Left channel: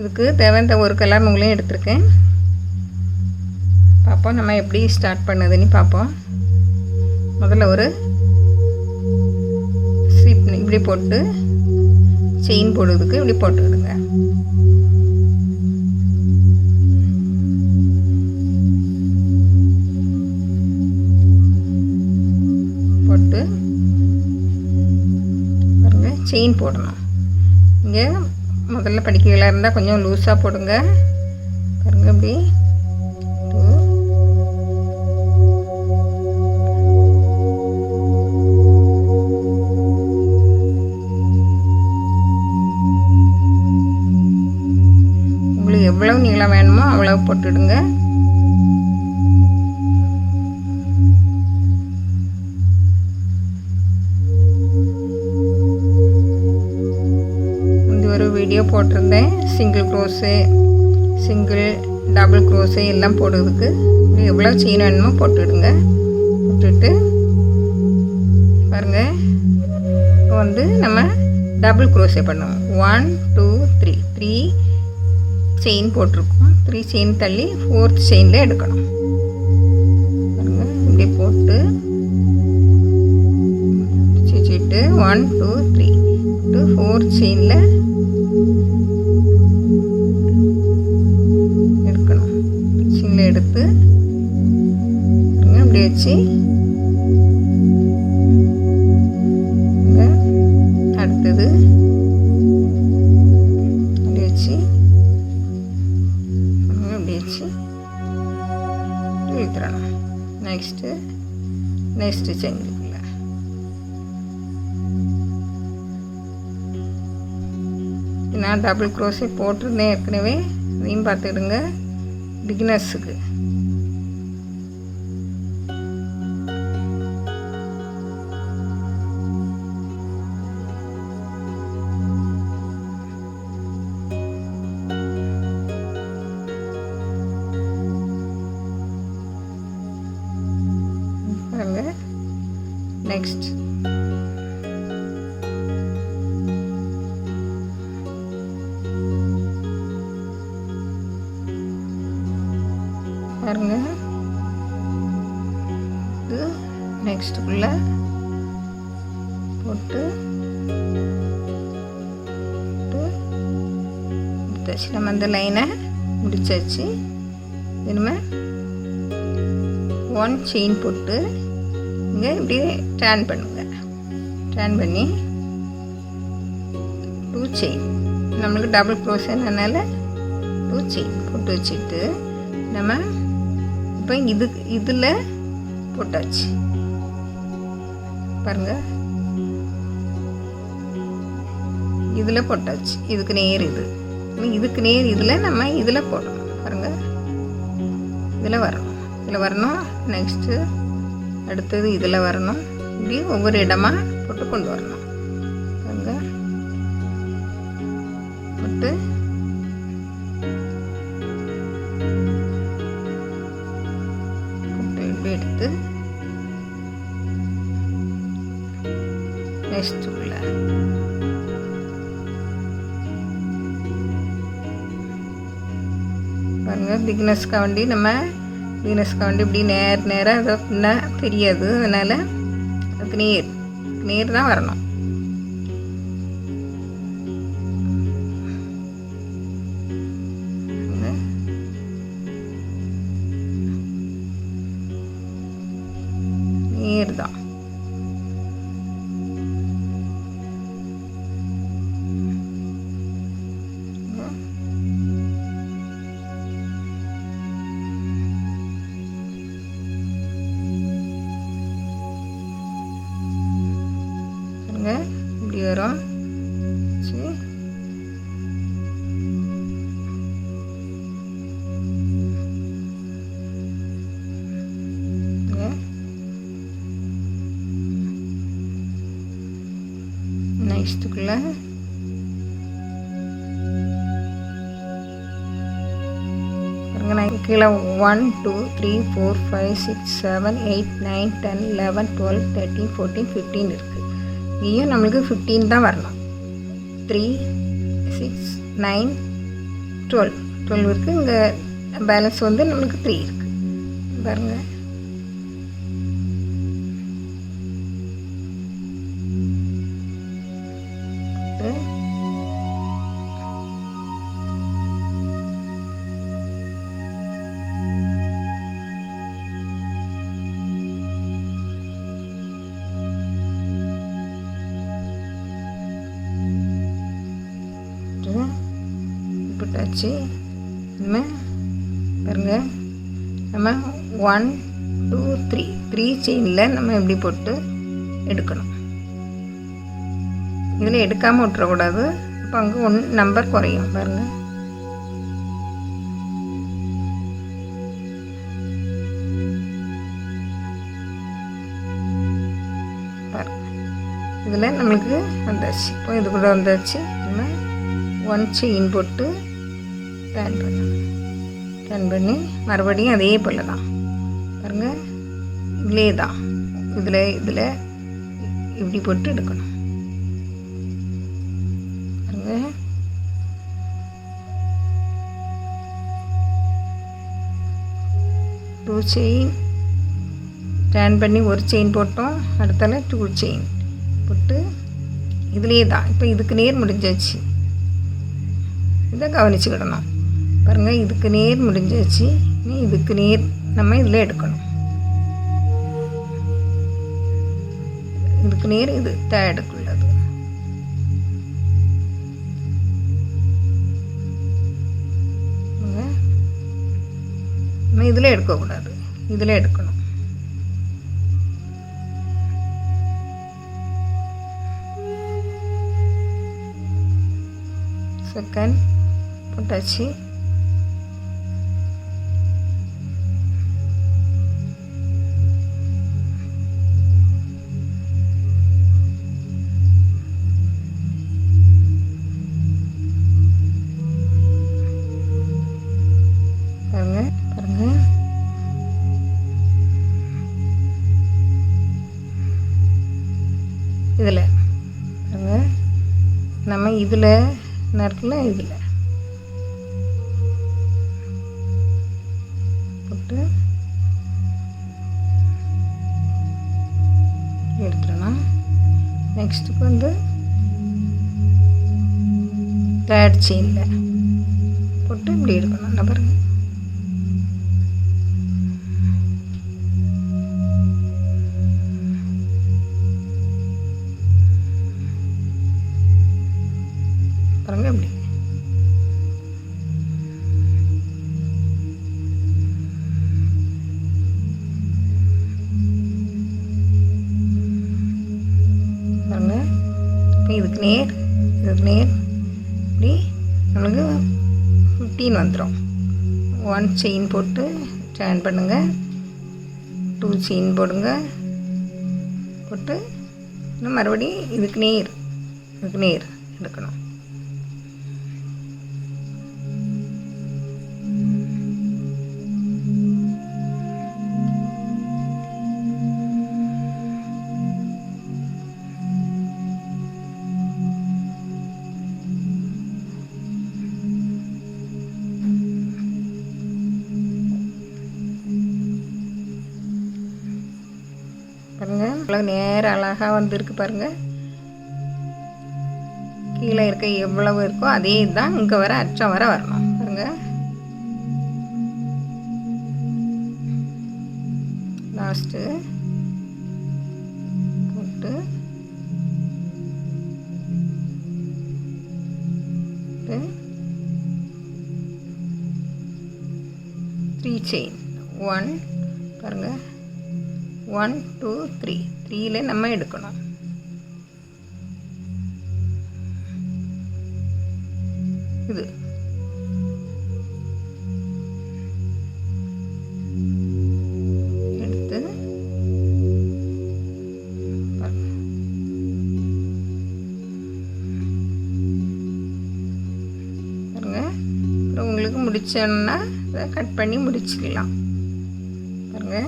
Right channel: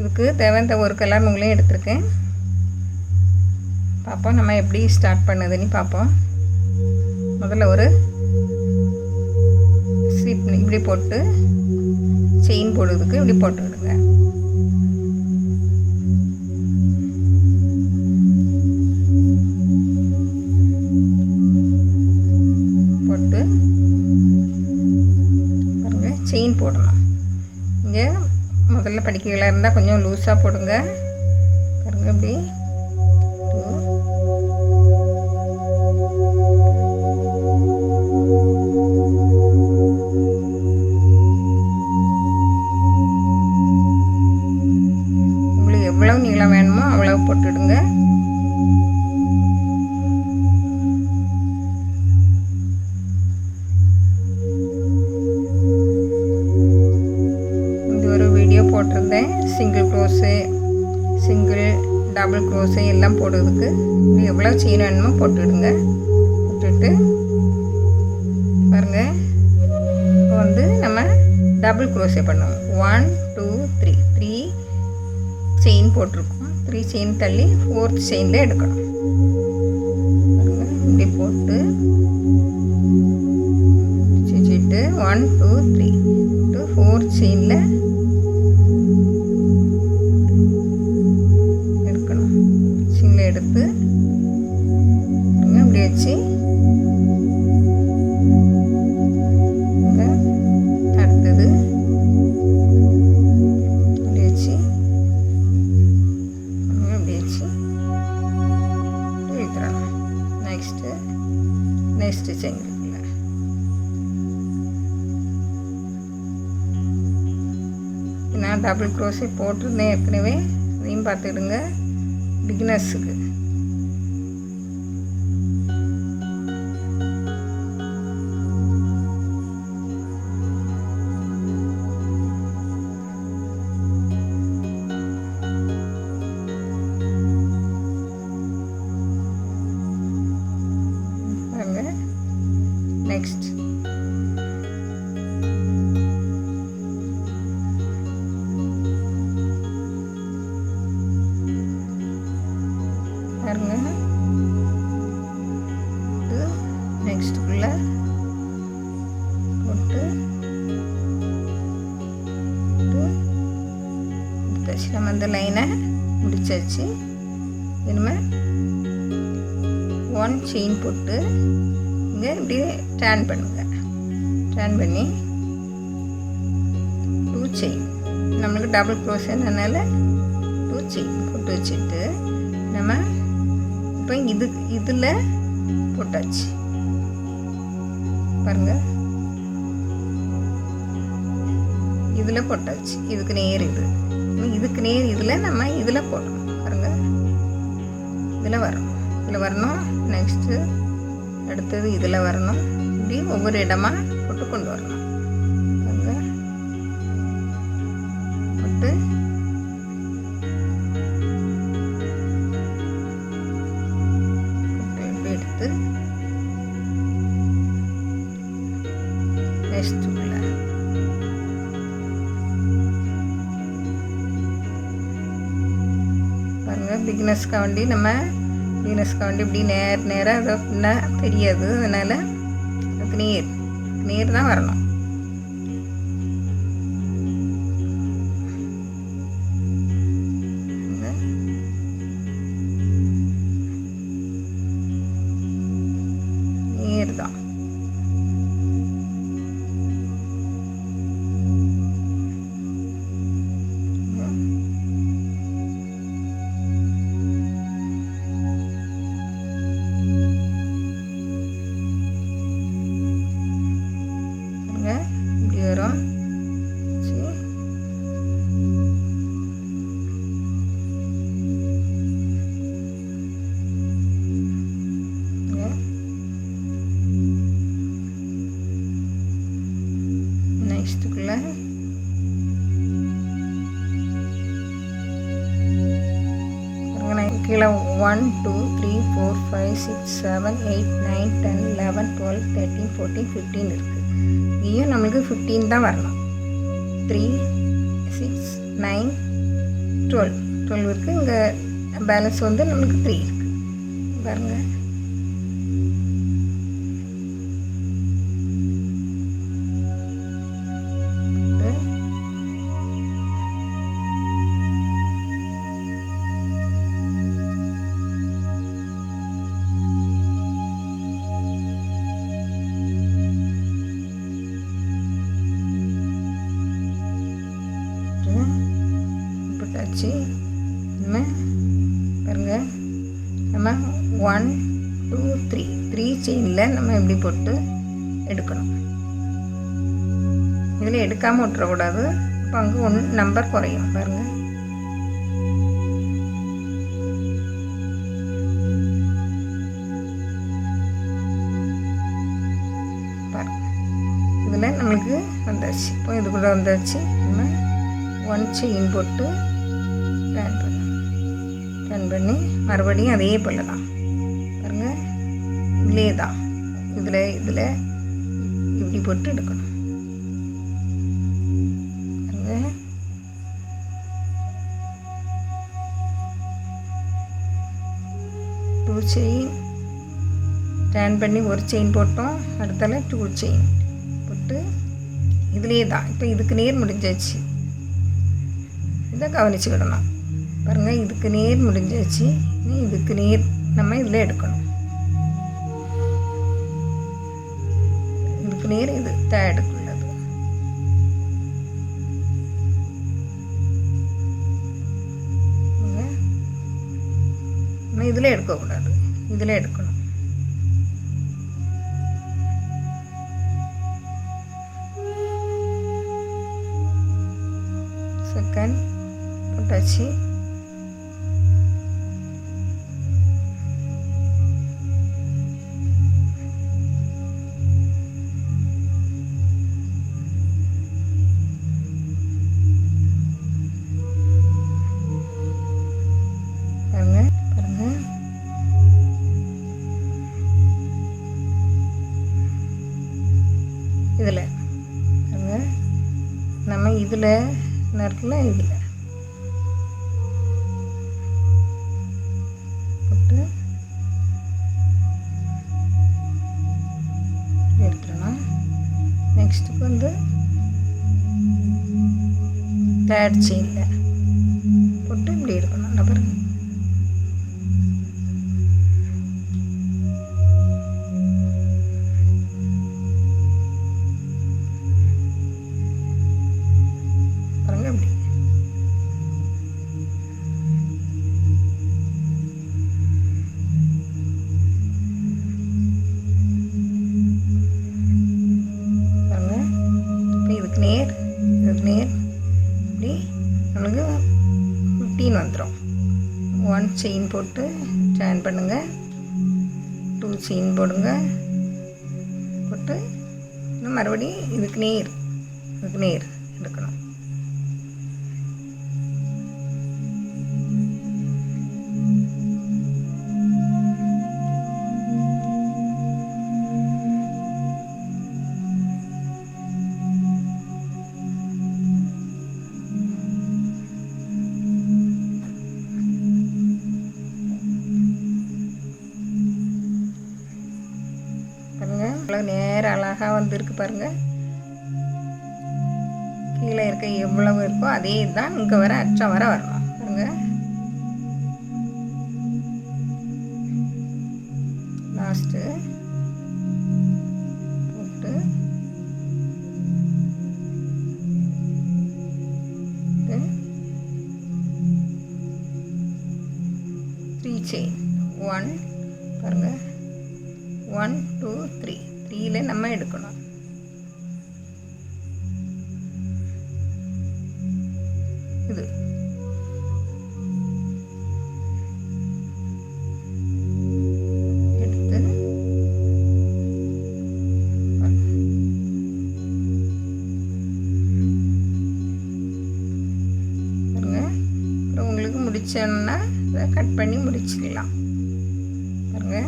இதுக்கு தேவையான ஒரு கலர் நூலையும் எடுத்திருக்கேன். பார்ப்போம் நம்ம எப்படி ஸ்டார்ட் பண்ணுதுன்னு பார்ப்போம். முதல்ல ஒரு ஸ்லிப் இப்படி போட்டு செயின் போடுறதுக்கு இப்படி போட்டுக்கிடுங்க. போட்டு பாருங்க செயின் போடணும். இங்கே முதல்ல படிக்கைகளாக இருந்தால் கொஞ்சம் லூஸாக போடுங்க. பாருங்க இப்படி உங்களுக்கு எவ்வளவு நீளம் வேணுமோ அவ்வளவு போட்டுடுங்க. வீடியோ போட்டிருந்தேன் single crochet, single double crochet எல்லாம் போடுறதுக்கு. எவ்வளோ செயின் வேணுமோ போட்டுவிடுங்க. போட்டுட்டு பாருங்கள் இப்போ வந்து நம்ம டபுள் க்ரோஷே பண்ணுவோம். 1 2 3 3 செயின் போட்டிருக்கோம். 3 செயின் தள்ளி 4th செயினில் எடுக்கணும். பாருங்கள் இப்படி போட்டு வச்சுட்டு 1 2 3 to 4th செயினில் எடுத்து அப்படி வச்சு அடுத்தது அப்படி வச்சு அப்படி வச்சு இழுத்துறணும். நெக்ஸ்ட்டு செஞ்சுக்கல. நான் டபுள் க்ரோஷே போட்டிருந்தேன் ஏற்கனவே, அதையும் பார்த்துக்கிடுங்க. பிகினர்ஸுக்கு நெக்ஸ்ட் பாருங்க. இது நெக்ஸ்ட்டுக்குள்ள போட்டு முடிச்சாச்சு. நம்ம அந்த லைனை முடிச்சாச்சு. இனிமேல் 1 செயின் போட்டு இங்கே இப்படியே டர்ன் பண்ணுங்க. டர்ன் பண்ணி 2 செயின், நம்மளுக்கு டபுள் க்ரோஷேனால 2 செயின் போட்டு வச்சுட்டு நம்ம இப்போ இதில் போட்டாச்சு. பாருங்க இதில் போட்டாச்சு. இதுக்கு நேர் இதுக்கு நேர் இதில் நம்ம இதில் போடணும். பாருங்க இதில் வரணும். நெக்ஸ்ட்டு அடுத்தது இதில் வரணும். இப்படி ஒவ்வொரு இடமா போட்டு கொண்டு வரணும். பாருங்க போட்டு எடுத்து நெக்ஸ்ட்டுக்குள்ள பாருங்க. பிகினர்ஸ்க்காக வேண்டி இப்படி நேராக அதை பின்னால் தெரியாது. அதனால் அதுக்கு நேர் தான் வரணும். நேர் தான். இப்படி வரும். நெக்ஸ்ட்டுக்குள்ள கீழே 1 2 3 4 5 6 7 8 9 10 11 12 13 14 15 இருக்குது. இங்கேயும் நம்மளுக்கு 15 தான் வரணும். 3 6 9 12 இருக்குது. இங்கே பேலன்ஸ் வந்து நமக்கு 3 இருக்குது பாருங்கள். போட்டாச்சு. நம்ம பாருங்கள், நம்ம 1 2 3 செயினில் நம்ம எப்படி போட்டு எடுக்கணும். இதில் எடுக்காமல் விட்டுறக்கூடாது. அப்போ அங்கே 1 நம்பர் குறையும் பாருங்கள். இதில் நம்மளுக்கு வந்தாச்சு. இப்போ இது கூட வந்தாச்சு. நம்ம 1 செயின் போட்டு டர்ன் பண்ணி மறுபடியும் அதே போல் தான் பாருங்கள். இதிலே தான் இதில் இப்படி போட்டு எடுக்கணும் பாருங்கள். டூ செயின் டர்ன் பண்ணி 1 செயின் போட்டோம். அடுத்தால 2 செயின் போட்டு இதிலே தான். இப்போ இதுக்கு நேர் முடிஞ்சாச்சு. இதை கவனிச்சுக்கிடணும் பாருங்கள். இதுக்கு நேர் முடிஞ்சாச்சு. இதுக்கு நேர் நம்ம இதில் எடுக்கணும். இதுக்கு நேர் இது தேர்டுக்குள்ளது. நம்ம இதில் எடுக்கக்கூடாது, இதில் எடுக்கணும். செகண்ட் போட்டாச்சு. பாருங்க இதில் பாருங்க. நம்ம இதில் இருக்குல்ல, இதில் போட்டு எடுத்துடணும். நெக்ஸ்ட்டுக்கு வந்து தேர்ட் செயினில் போட்டு இப்படி எடுக்கணும். நான் பாருங்க இப்படி பாருங்க. இப்போ இதுக்கு நேர் இப்படி நம்மளுக்கு 15 வந்துடும். 1 செயின் போட்டு டர்ன் பண்ணுங்கள். 2 செயின் போடுங்க. போட்டு இன்னும் மறுபடியும் இதுக்கு நேர் எடுக்கணும். பாருங்கள், இவ்வளோ நேரம் அழகாக வந்திருக்கு பாருங்கள். கீழே இருக்க எவ்வளவு இருக்கோ அதே தான் இங்கே வர அச்சம் வர வரணும் பாருங்கள். லாஸ்ட்டு போட்டு 3 செயின் 1 பாருங்கள். 1 2 3 3ல் நம்ம எடுக்கணும். இது எடுத்து பாருங்க. அப்புறம் உங்களுக்கு முடிச்சோன்னா இதை கட் பண்ணி முடிச்சுக்கலாம் பாருங்க.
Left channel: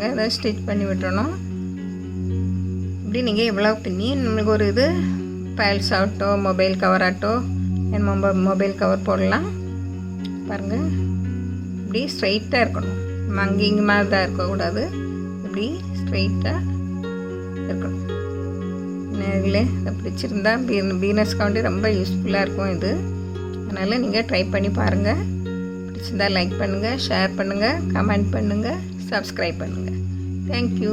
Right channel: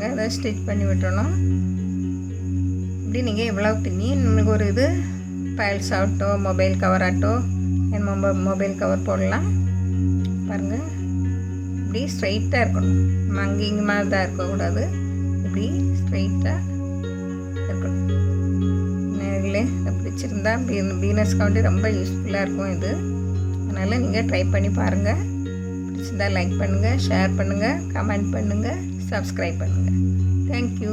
பாருங்கள், இதை ஸ்டிச் பண்ணி விட்டுறணும். இப்படி நீங்கள் எவ்வளோ பின்னி நம்மளுக்கு ஒரு இது ஃபைல்ஸ் ஆகட்டோ மொபைல் கவர் ஆகட்டோ மொபைல் கவர் போடலாம். பாருங்கள், இப்படி ஸ்ட்ரைட்டாக இருக்கணும். நம்ம அங்கேயும் மாதிரி தான் இருக்கக்கூடாது, இப்படி ஸ்ட்ரைட்டாக இருக்கணும். இதில் இதை பிடிச்சிருந்தா பிகினர்ஸ்க்கு வந்து ரொம்ப யூஸ்ஃபுல்லாக இருக்கும் இது. அதனால் நீங்கள் ட்ரை பண்ணி பாருங்கள். பிடிச்சிருந்தா லைக் பண்ணுங்கள், ஷேர் பண்ணுங்கள், கமெண்ட் பண்ணுங்கள், சப்ஸ்கிரைப் பண்ணுங்கள். தேங்க்யூ.